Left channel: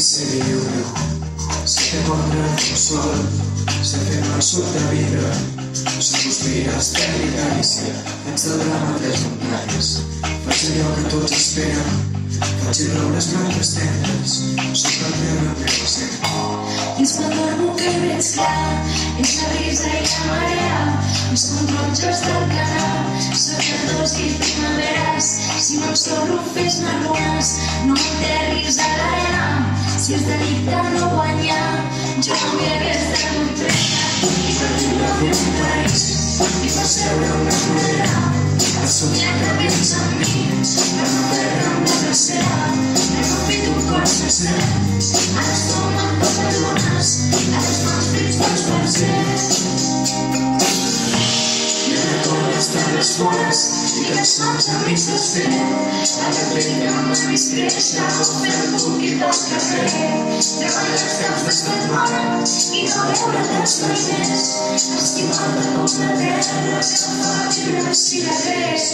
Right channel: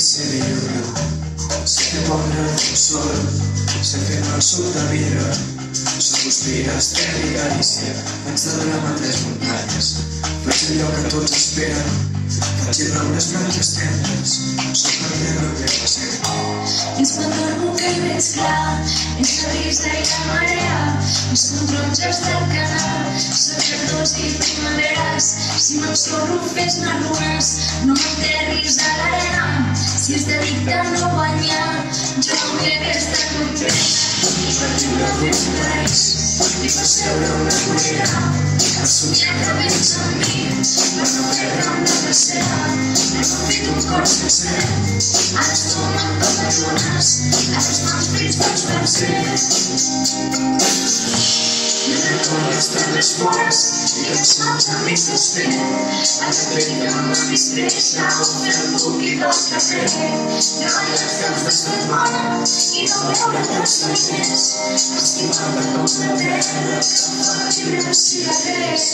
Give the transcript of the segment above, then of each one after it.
ser lliure. Si te pondrà el sol, si te va sota vidre, sospires de Galícia, ets de la mà de muntanyes. Faig allò que tots esperen, faig raure les branques tendres, sota la terra que passem. Dins m'adormo que veig clar, és la brisa i la marea, els controlls del canal, cercadors i primaveres. Si no ets solo fes-me runes, no m'enterris a l'arena. Si es dedica a no guanyar, jo no vull aquesta contreta. I per viure voluntaris, i per seure una vorera, per somiar que vens amb mi, per no perdre'm la tercera. Hem fet un cor sencer, ara som amb totes bones, a les mans fills dels pensers. I una torre està a les vores, i que ens manxa a mi s'esfer. A la pell amb la discreta, fer el buc i pel carrer. Treballar els camps de setmana, i no veure els carrers. Estimar-te com la terra, que fa llibre cigarrers.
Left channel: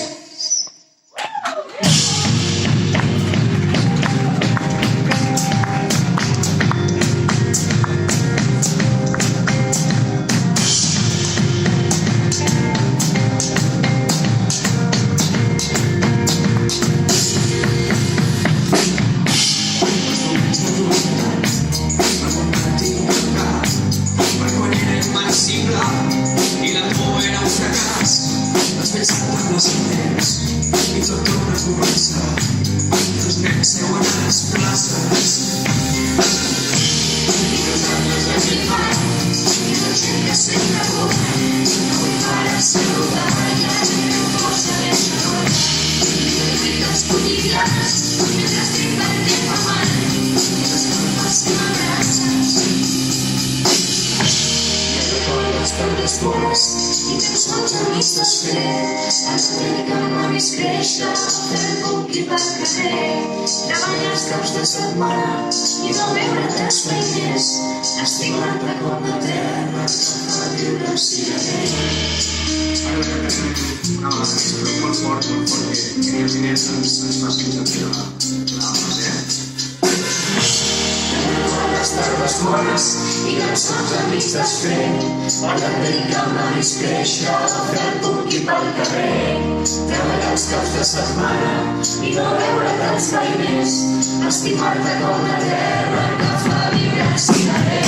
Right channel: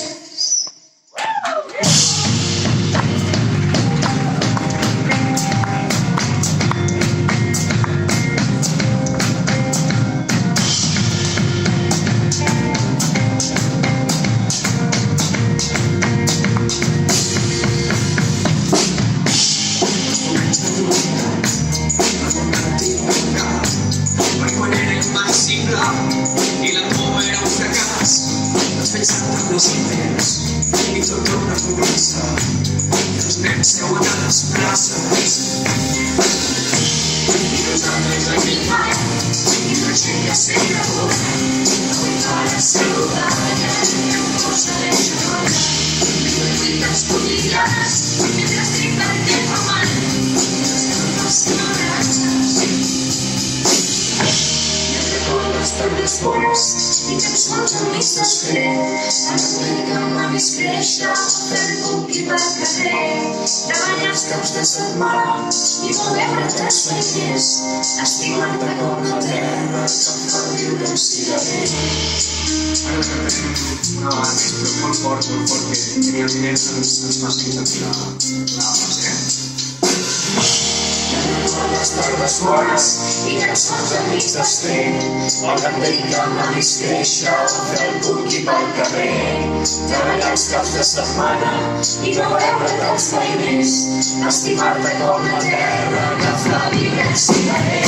I la por era un fracàs, les pensant en les idees, i tot una comença, i els nens seuen a les places. I nosaltres aquí fa, i la gent que sempre vol, avui fa la saludada, i el posa de lloc, i les vides publicades, i la ciutat que fa mal, i les formes que m'abraces. Per les vores, i els mons amics desfer, ens dediquem a més créixer, fer el buc i pel carrer, treballar els caps de setmana, i no veure't els pagès, estimar-te com la terra, que fa viure un cigarrer. Ara que tenim una base molt forta, perquè tenir els diners ens facilita la base. Les tardes bones i els mons amics desfer, el que dedica'm a més créixer, fer el buc i pel carrer, treballar els caps de setmana i no veure't els veïners, estimar-te com la terra que fa viure un cigarrer.